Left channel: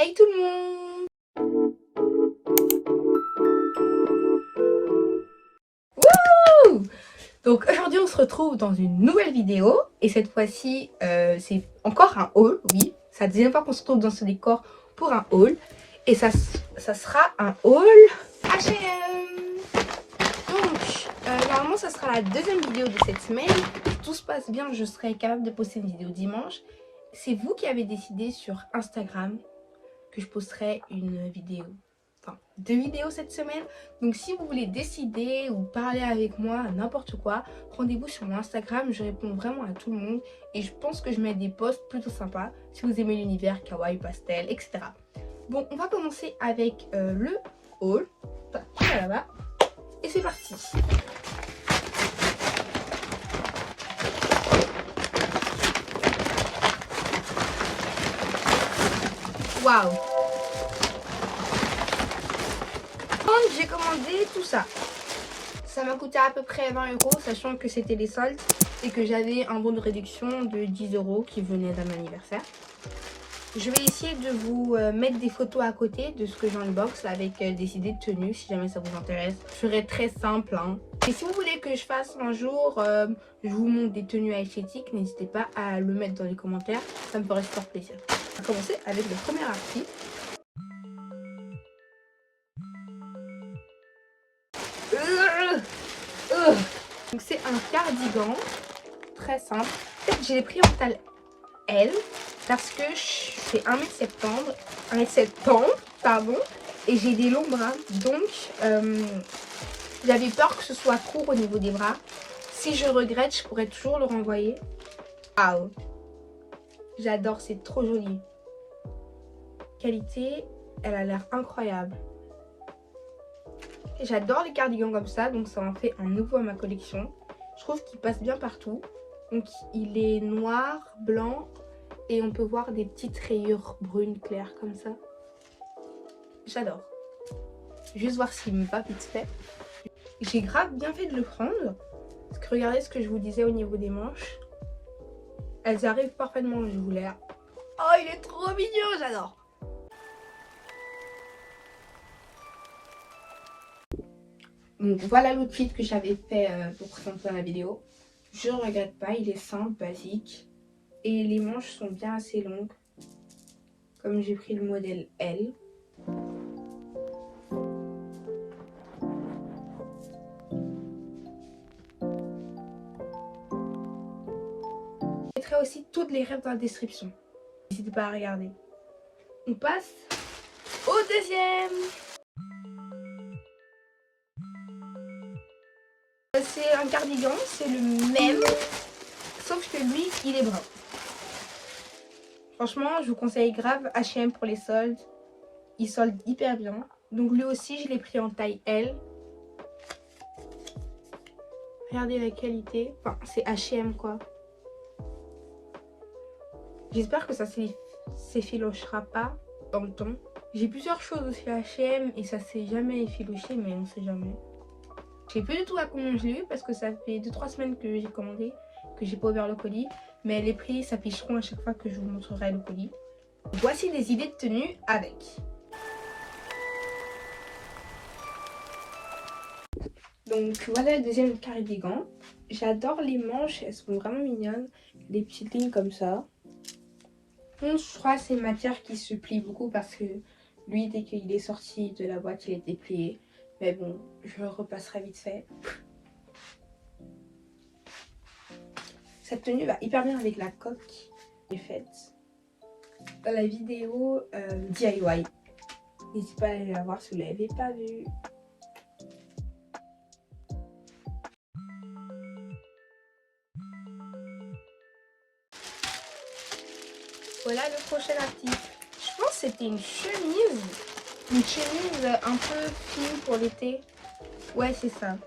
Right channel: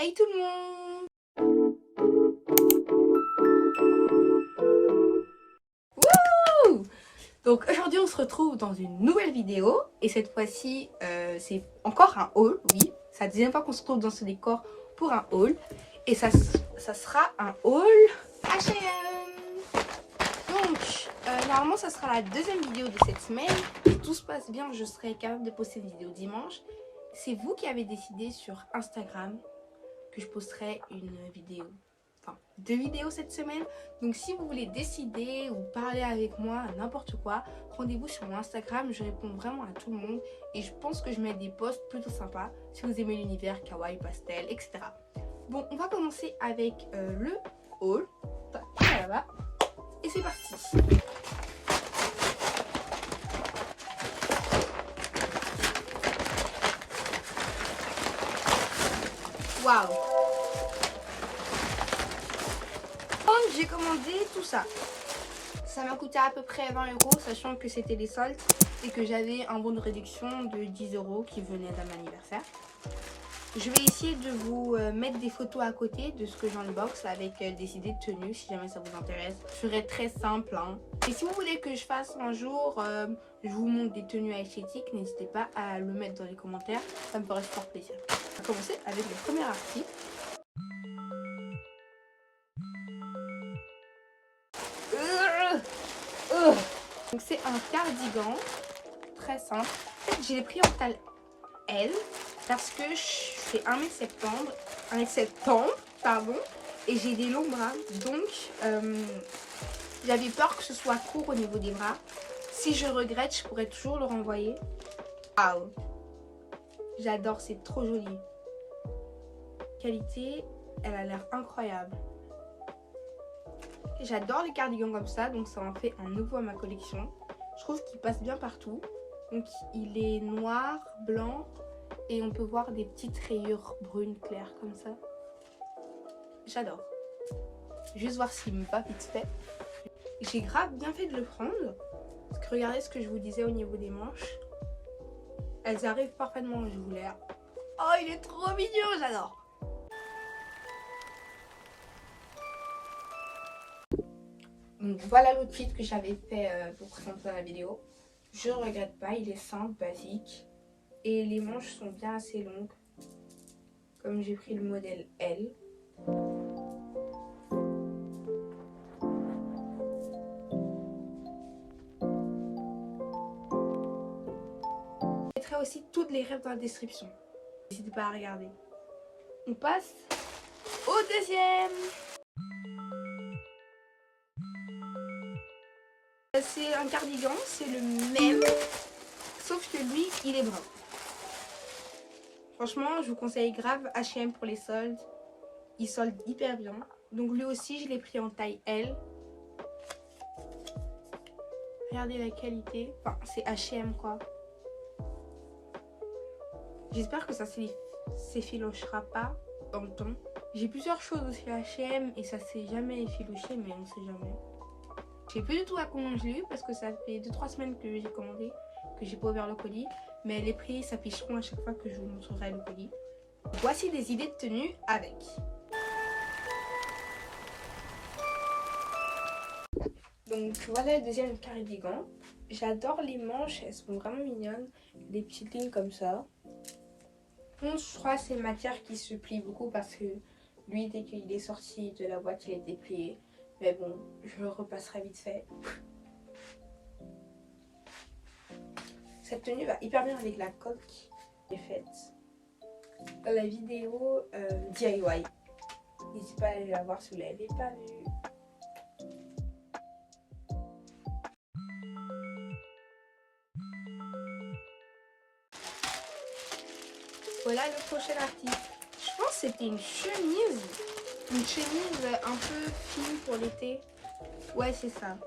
Hey tout le monde! Wouhou! Donc aujourd'hui on se retrouve dans une nouvelle vidéo et cette fois-ci c'est encore un haul, oui. C'est la deuxième fois qu'on se retrouve dans ce décor pour un haul et ça sera un haul H&M. Donc normalement ça sera la deuxième vidéo de cette semaine. Si tout se passe bien, je serai capable de poster une vidéo dimanche. C'est vous qui avez décidé sur Instagram que je posterai une vidéo, enfin 2 vidéos cette semaine. Donc si vous voulez décider ou parler avec moi, n'importe quoi, rendez-vous sur mon Instagram. Je réponds vraiment à tout le monde et je pense que je mets des posts plutôt sympas si vous aimez l'univers kawaii, pastel, etc. Bon, on va commencer avec le haul. Là-bas. Et c'est parti. Waouh! J'ai commandé tout ça. Ça m'a coûté à peu près 20 €, sachant que c'était les soldes et que j'avais un bon de réduction de 10 € qui venait d'un anniversaire. Je vais essayer de vous mettre des photos à côté de ce que j'ai en box avec des idées de tenues si jamais ça vous intéresse. Je ferai très simple, hein. Et si vous voulez que je fasse un jour, je vous montre des tenues esthétiques, n'hésitez pas à le mettre dans les commentaires, ça me ferait super plaisir. On va commencer avec le premier article. Donc c'est un cardigan très simple. En fait, je l'ai pris en taille L parce que je fais 1m70, pardon, et j'ai des longs bras. Donc j'avais peur que ce soit court au niveau des bras. Si je regrette, je pourrais toujours le renvoyer. Waouh, j'adore, c'est trop joli. Qualité, elle a l'air incroyable. J'adore les cardigans comme ça, donc ça en fait un nouveau à ma collection. Je trouve qu'il passe bien partout. Donc il est noir, blanc et on peut voir des petites rayures brunes claires comme ça. J'adore. Juste voir s'il me va vite fait. J'ai grave bien fait de le prendre. Parce que regardez ce que je vous disais au niveau des manches. Elles arrivent parfaitement où je voulais. Oh, il est trop mignon, j'adore. Donc voilà l'outfit que j'avais fait pour présenter la vidéo. Je ne regrette pas, il est simple, basique. Et les manches sont bien assez longues. Comme j'ai pris le modèle L. Je mettrai aussi toutes les rêves dans la description. N'hésitez pas à regarder. On passe au deuxième. C'est un cardigan, c'est le même, sauf que lui, il est brun. Franchement, je vous conseille grave H&M pour les soldes. Il solde hyper bien. Donc lui aussi, je l'ai pris en taille L. Regardez la qualité. Enfin, c'est H&M quoi. J'espère que ça s'effilochera pas dans le temps. J'ai plusieurs choses aussi H&M et ça s'est jamais effiloché, mais on sait jamais. Je sais plus du tout à combien je l'ai eu parce que ça fait 2-3 semaines que j'ai commandé, que j'ai pas ouvert le colis. Mais les prix s'afficheront à chaque fois que je vous montrerai le colis. Voici des idées de tenue avec. Donc voilà le deuxième cardigan. J'adore les manches, elles sont vraiment mignonnes. Les petites lignes comme ça. Je crois que c'est une matière qui se plie beaucoup parce que lui, dès qu'il est sorti de la boîte, il était plié. Mais bon, je le repasserai vite fait. Cette tenue va hyper bien avec la coque que j'ai faite dans la vidéo DIY. N'hésitez pas à aller la voir si vous ne l'avez pas vue. Voilà le prochain article. Je pense que c'était une chemise. Une chemise un peu fine pour l'été. Ouais, c'est ça.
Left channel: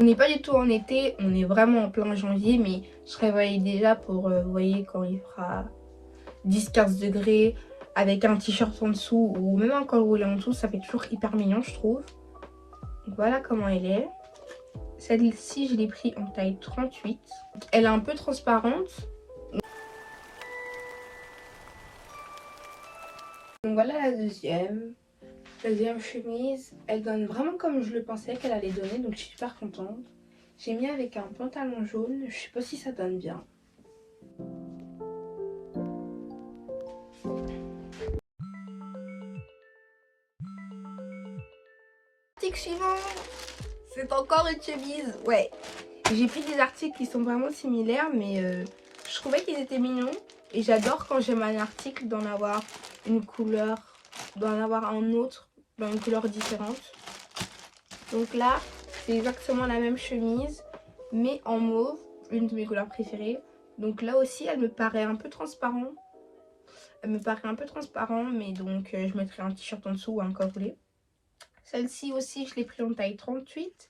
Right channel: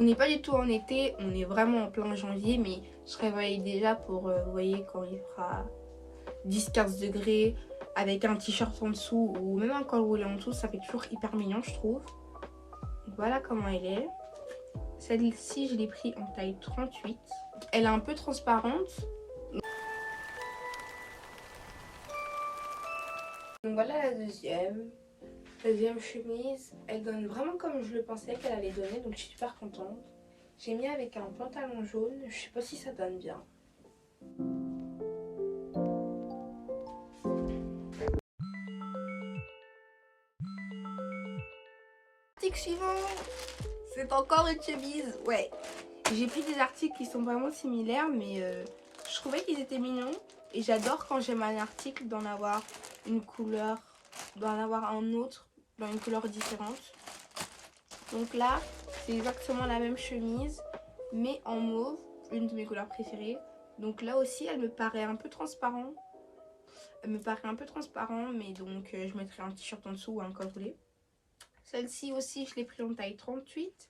On n'est pas du tout en été, on est vraiment en plein janvier, mais je réveille déjà pour, vous voyez, quand il fera 10-15 degrés, avec un t-shirt en dessous, ou même un col roulé en dessous, ça fait toujours hyper mignon, je trouve. Donc voilà comment elle est. Celle-ci, je l'ai pris en taille 38. Elle est un peu transparente. Donc voilà la deuxième. La deuxième chemise, elle donne vraiment comme je le pensais qu'elle allait donner, donc je suis super contente. J'ai mis avec un pantalon jaune, je sais pas si ça donne bien. Article suivant, c'est encore une chemise, ouais. J'ai pris des articles qui sont vraiment similaires, mais je trouvais qu'ils étaient mignons. Et j'adore quand j'aime un article d'en avoir une couleur, d'en avoir un autre dans une couleur différente. Donc là, c'est exactement la même chemise, mais en mauve, une de mes couleurs préférées. Donc là aussi, elle me paraît un peu transparent. Elle me paraît un peu transparent, mais donc je mettrai un t-shirt en dessous ou un col roulé. Celle-ci aussi, je l'ai pris en taille 38.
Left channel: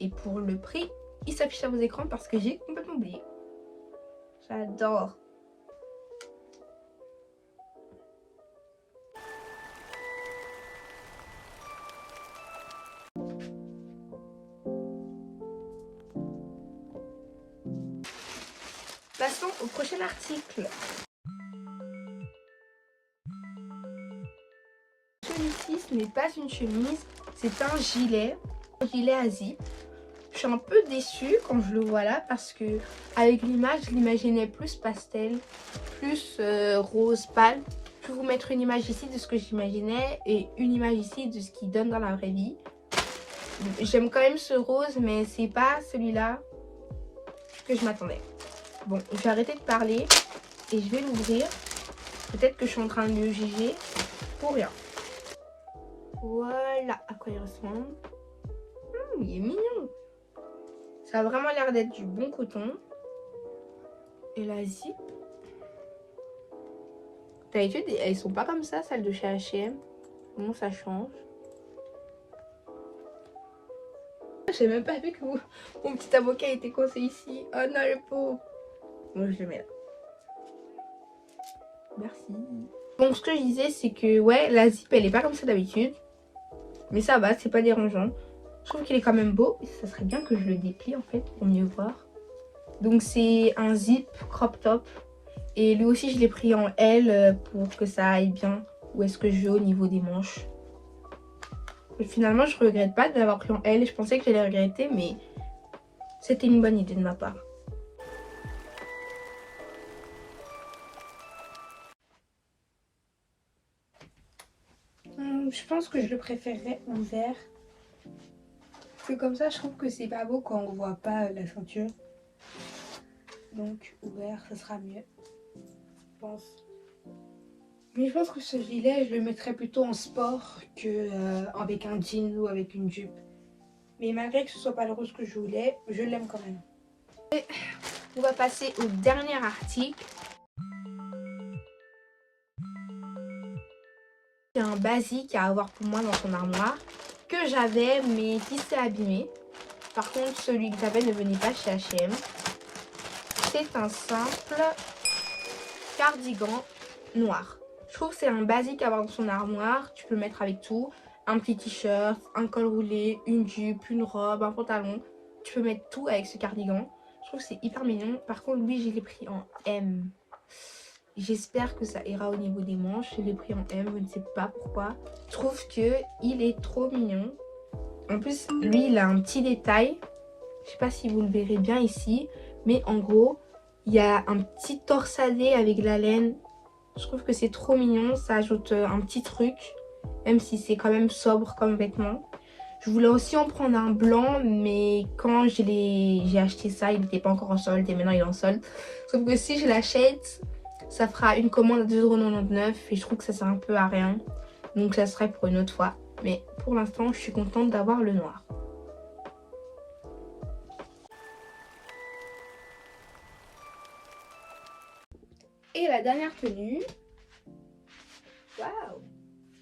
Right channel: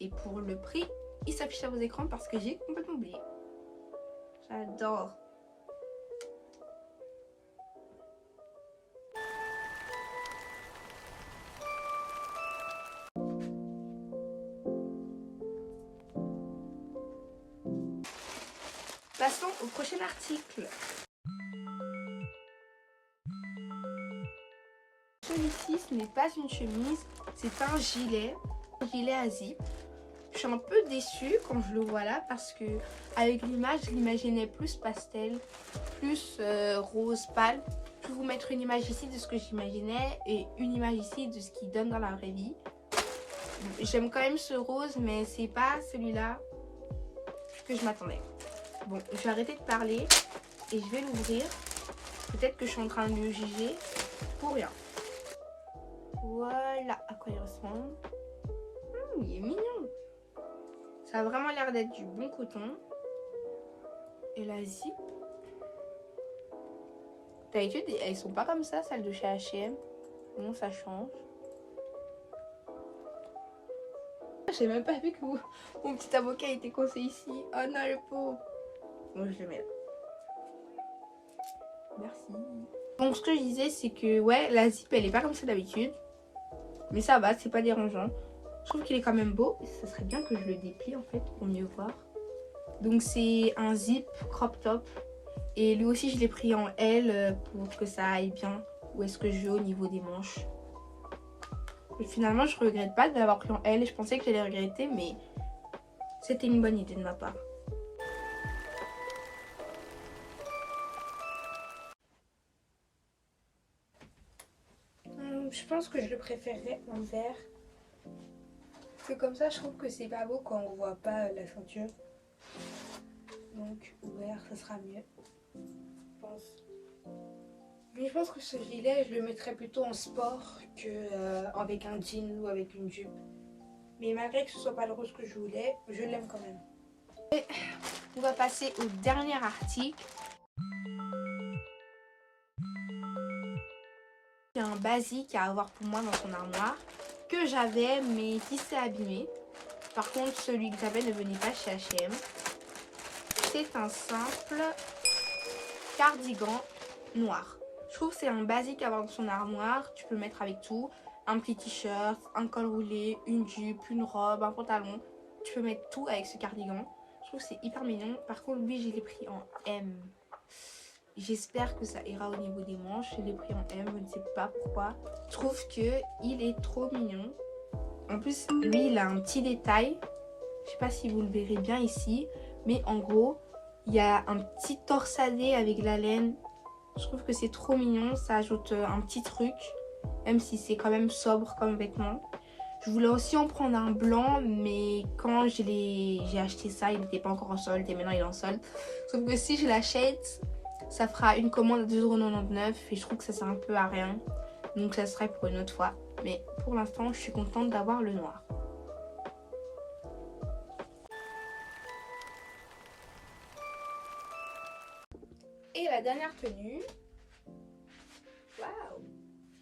Et pour le prix, il s'affiche à vos écrans parce que j'ai complètement oublié. J'adore. Passons au prochain article. Celui-ci, ce n'est pas une chemise, c'est un gilet. Un gilet à zip. Je suis un peu déçue quand je le vois là parce que avec l'image, je l'imaginais plus pastel, plus rose pâle. Je vais vous mettre une image ici de ce que j'imaginais et une image ici de ce qu'il donne dans la vraie vie. J'aime quand même ce rose, mais c'est pas celui-là que je m'attendais. Bon, je vais arrêter de parler et je vais l'ouvrir. Peut-être que je suis en train de le juger pour rien. Voilà à quoi il ressemble. Il est mignon. Ça a vraiment l'air d'être du bon coton. Et la zip. D'habitude, elles sont pas comme ça, celles de chez H&M. Bon, ça change. J'ai même pas vu que mon petit avocat était coincé ici. Oh non, le pauvre. Bon, je le mets là. Merci. Bon, ce que je disais, c'est que ouais, la zip, elle est pas comme ça d'habitude. Mais ça va, c'est pas dérangeant. Je trouve qu'il est quand même beau. Et ça serait bien que je le déplie en fait pour mieux voir. Donc c'est un zip crop top. Et lui aussi, je l'ai pris en L pour que ça aille bien. Où est-ce que je vais au niveau des manches. Et finalement, je regrette pas de l'avoir pris en L. Je pensais que j'allais regretter, mais c'était une bonne idée de ma part. Je pense que je le préférerais en vert. Parce que comme ça, je trouve que c'est pas beau quand on voit pas la ceinture. Donc, vert, ça sera mieux. Je pense. Mais je pense que ce gilet, je le mettrais plutôt en sport qu'avec un jean ou avec une jupe. Mais malgré que ce soit pas le rose que je voulais, je l'aime quand même. Et on va passer au dernier article. C'est un basique à avoir pour moi dans son armoire que j'avais mais qui s'est abîmé. Par contre, celui que j'avais ne venait pas chez H&M. C'est un simple cardigan noir. Je trouve que c'est un basique à avoir dans son armoire. Tu peux le mettre avec tout. Un petit t-shirt, un col roulé, une jupe, une robe, un pantalon. Tu peux mettre tout avec ce cardigan. Je trouve que c'est hyper mignon. Par contre, lui, je l'ai pris en M. J'espère que ça ira au niveau des manches. Je l'ai pris en M, je ne sais pas pourquoi. Je trouve qu'il est trop mignon. En plus, lui, il a un petit détail. Je ne sais pas si vous le verrez bien ici. Mais en gros, il y a un petit torsadé avec la laine. Je trouve que c'est trop mignon. Ça ajoute un petit truc. Même si c'est quand même sobre comme vêtement. Je voulais aussi en prendre un blanc. Mais quand j'ai acheté ça, il n'était pas encore en solde. Et maintenant, il est en solde. Sauf que si je l'achète, ça fera une commande à 2,99 € et je trouve que ça sert un peu à rien. Donc ça serait pour une autre fois. Mais pour l'instant, je suis contente d'avoir le noir. Et la dernière tenue. Waouh!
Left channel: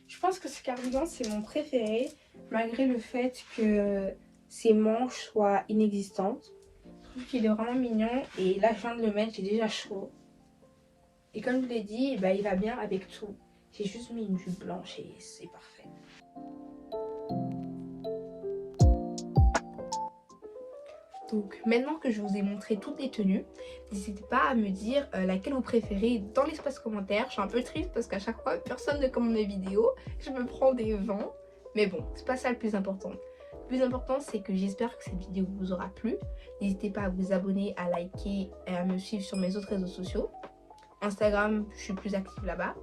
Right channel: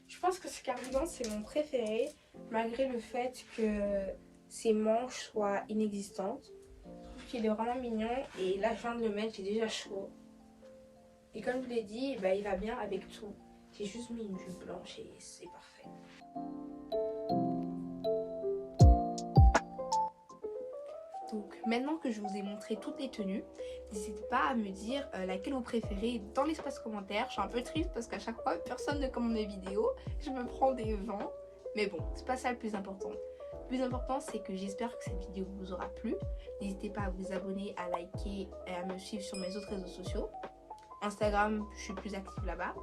Je pense que ce cardigan, c'est mon préféré. Malgré le fait que ses manches soient inexistantes. Je trouve qu'il est vraiment mignon. Et là, je viens de le mettre, j'ai déjà chaud. Et comme je l'ai dit, bah, il va bien avec tout. J'ai juste mis une jupe blanche et c'est parfait. Donc maintenant que je vous ai montré toutes les tenues, n'hésitez pas à me dire laquelle vous préférez dans l'espace commentaire. Je suis un peu triste parce qu'à chaque fois personne ne commente mes vidéos, je me prends des vents. Mais bon, c'est pas ça le plus important. Le plus important, c'est que j'espère que cette vidéo vous aura plu. N'hésitez pas à vous abonner, à liker et à me suivre sur mes autres réseaux sociaux. Instagram, je suis plus active là-bas.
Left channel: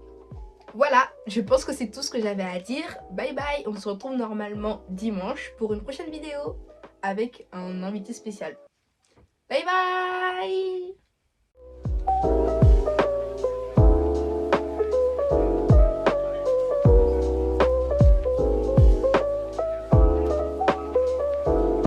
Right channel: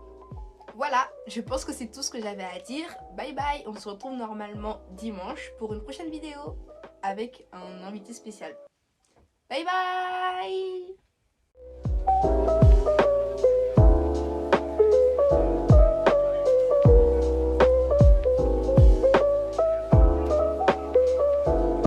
Voilà, je pense que c'est tout ce que j'avais à dire. Bye bye, on se retrouve normalement dimanche pour une prochaine vidéo avec un invité spécial. Bye bye.